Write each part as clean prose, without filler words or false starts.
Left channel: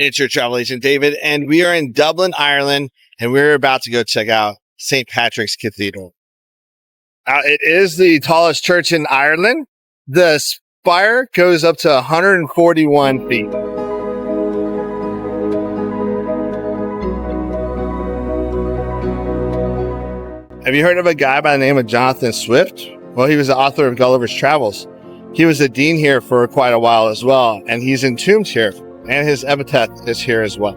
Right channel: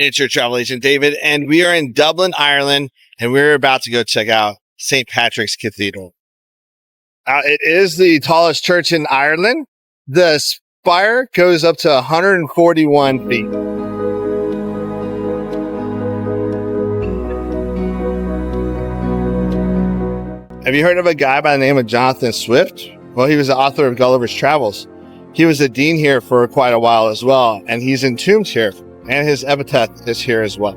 It's your travel agent, David, and we are in Dublin, Ireland, and we're about to go check out St. Patrick's Cathedral. It is the tallest church in Ireland. The spire goes up to 141 feet. Have you heard of a guy by the name of Jonathan Swift? Well, he was the author of Gulliver's Travels. He was the dean here for quite a while as well, and he's entombed here, and his epitaph is here as well.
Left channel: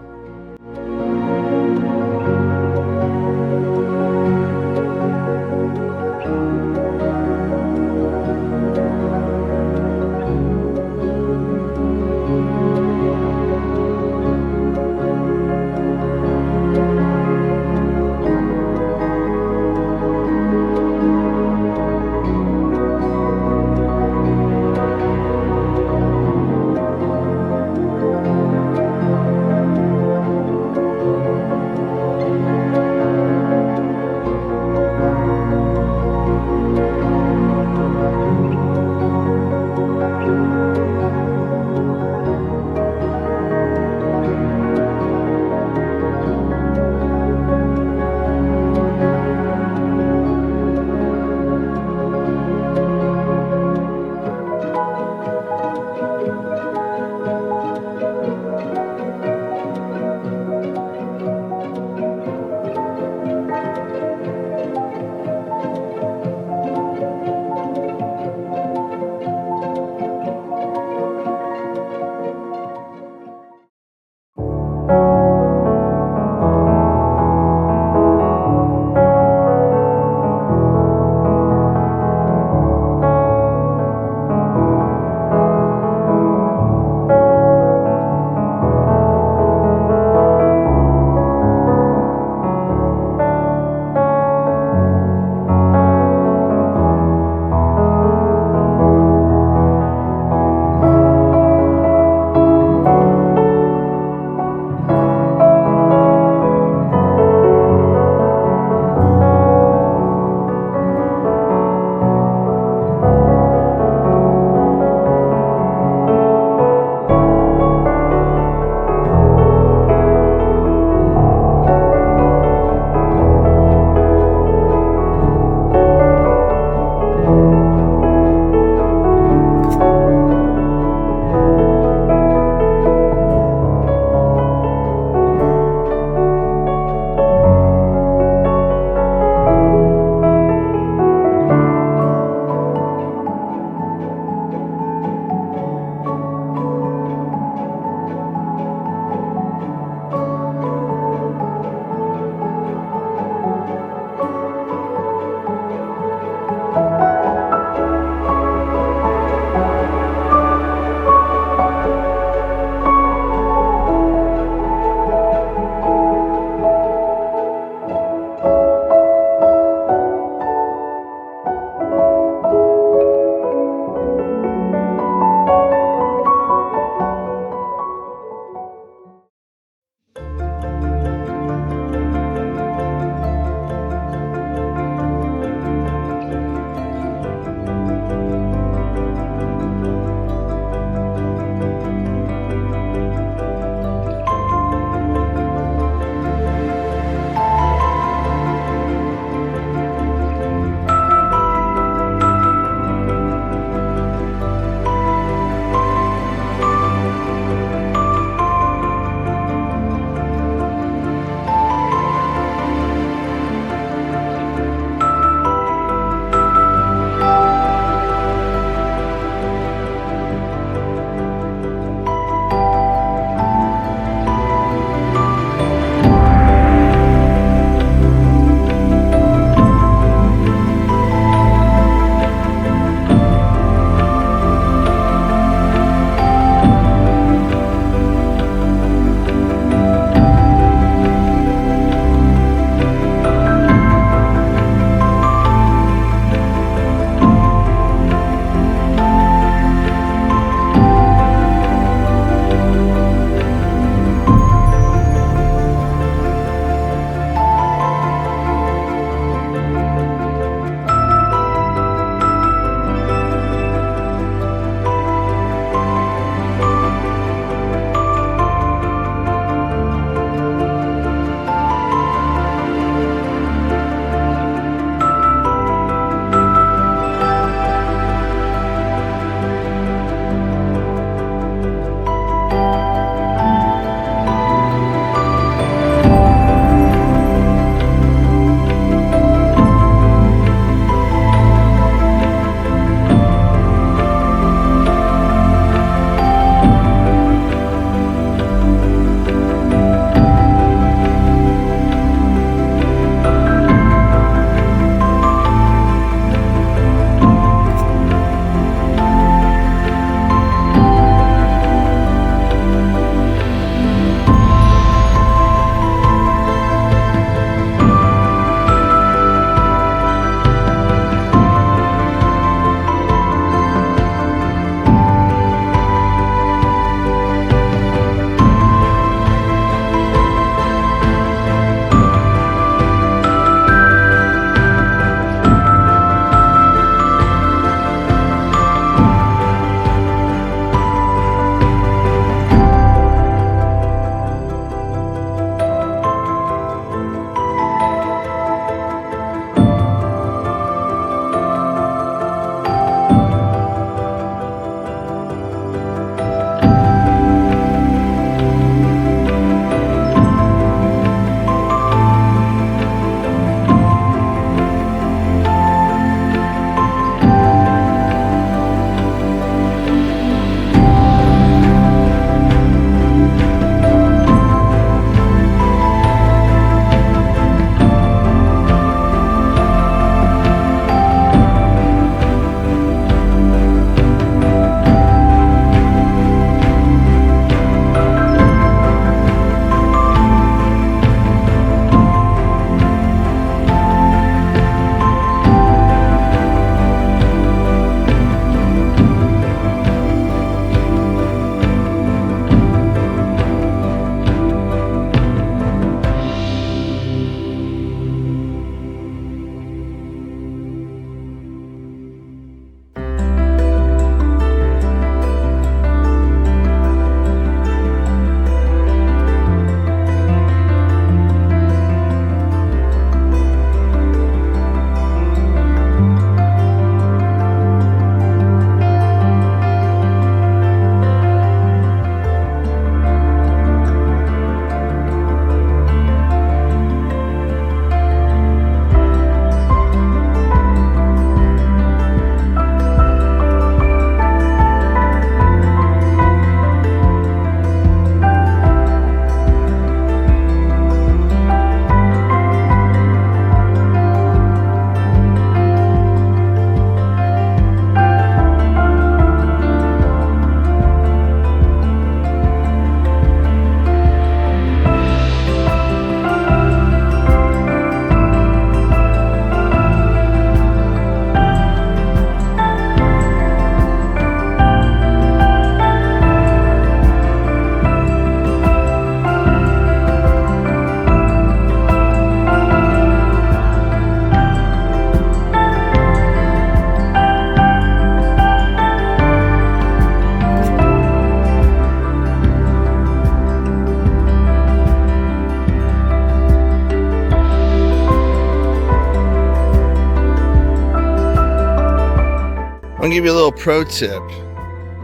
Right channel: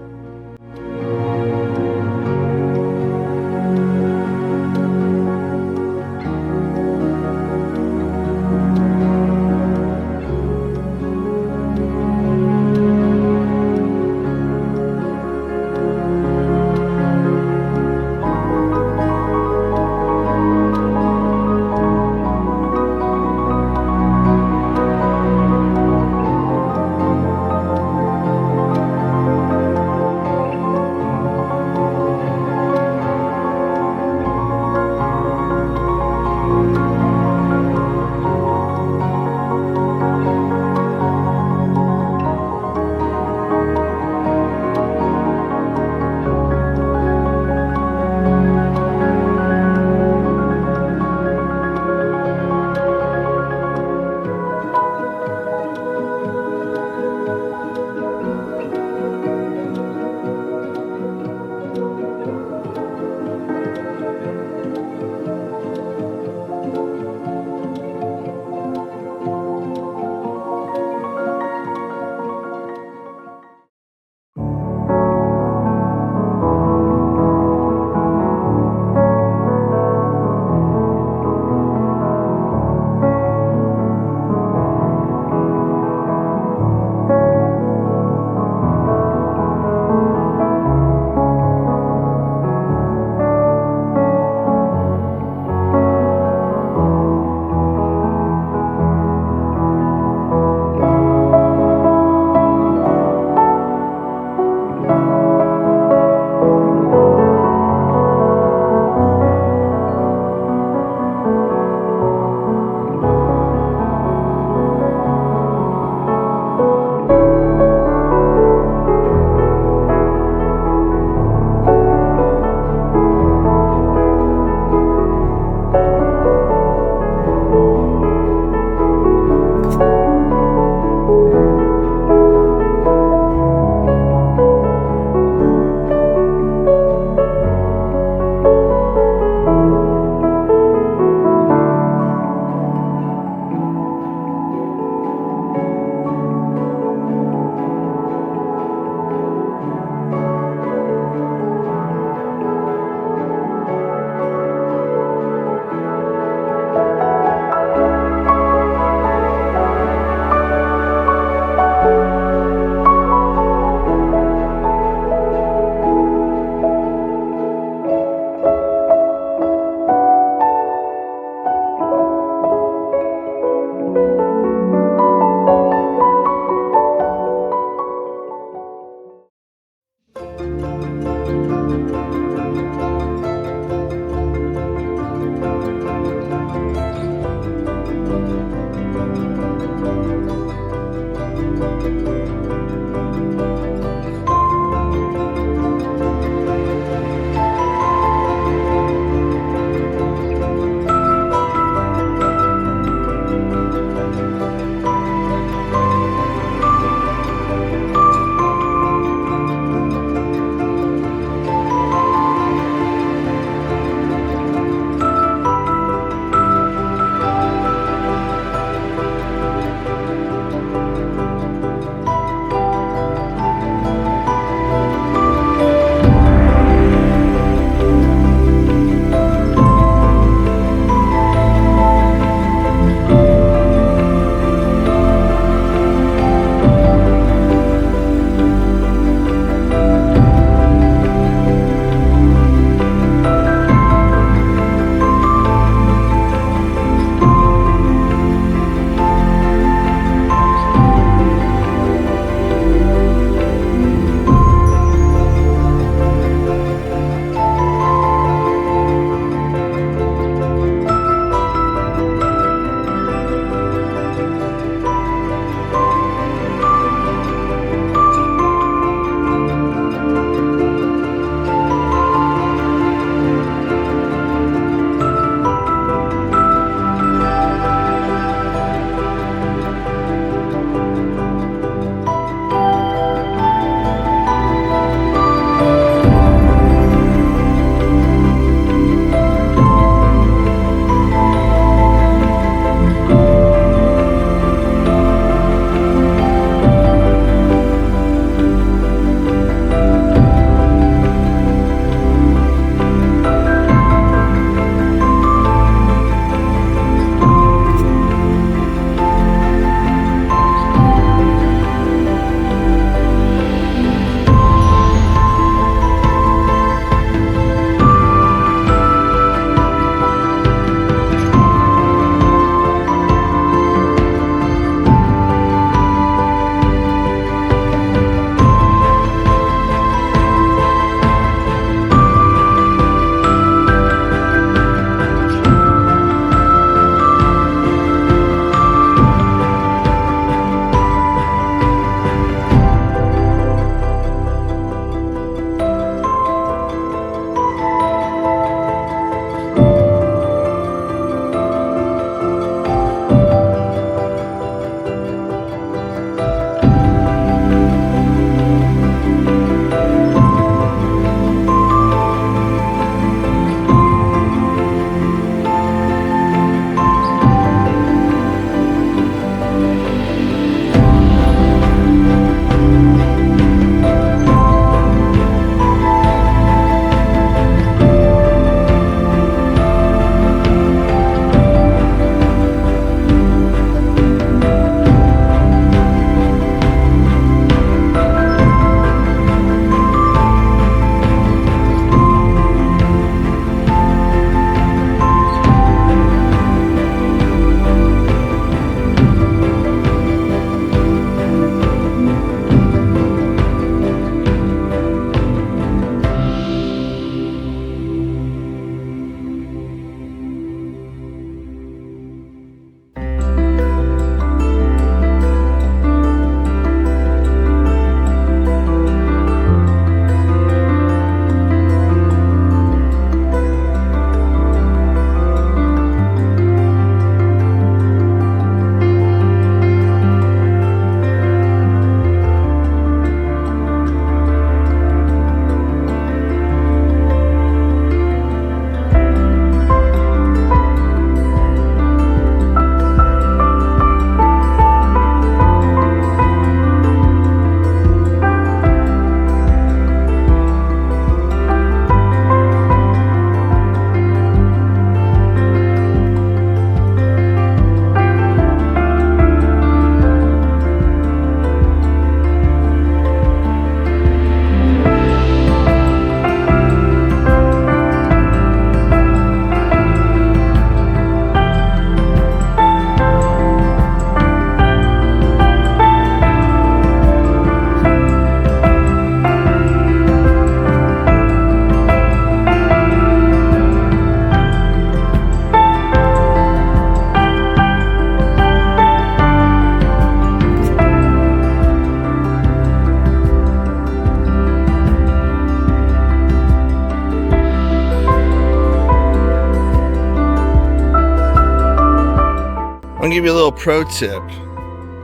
I'm gonna give you a little pro tip.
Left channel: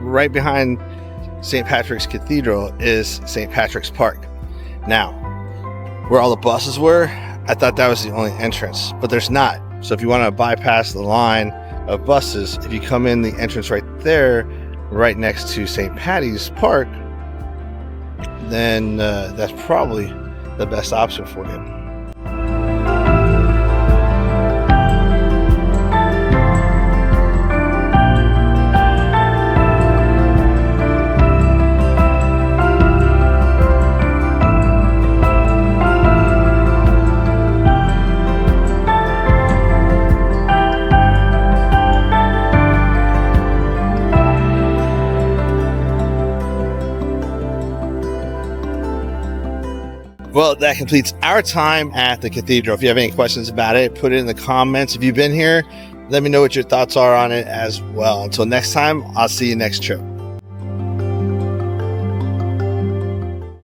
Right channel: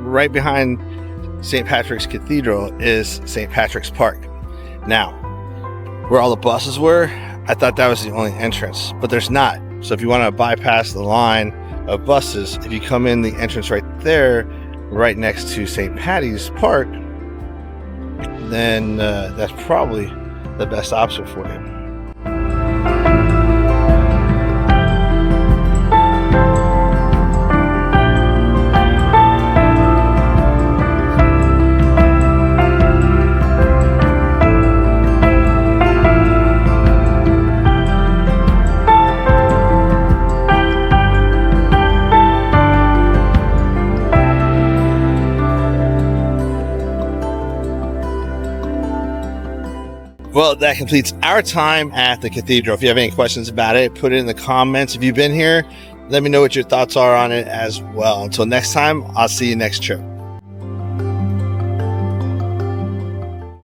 Right behind St. Patrick's Cathedral is St. Patrick's Park. Now, where all the buses were, I thought that was the only entrance, but there's not. So if you want to bypass the line of buses, if you come in the entrance right there, right next to St. Patty's Park, then that's probably the best option for you. Well, that completes our time at the cathedral. If you have any questions about it, put it in the comments. If you've been here, let me know what your thoughts are on it as well. Until next time, I'll see you next trip.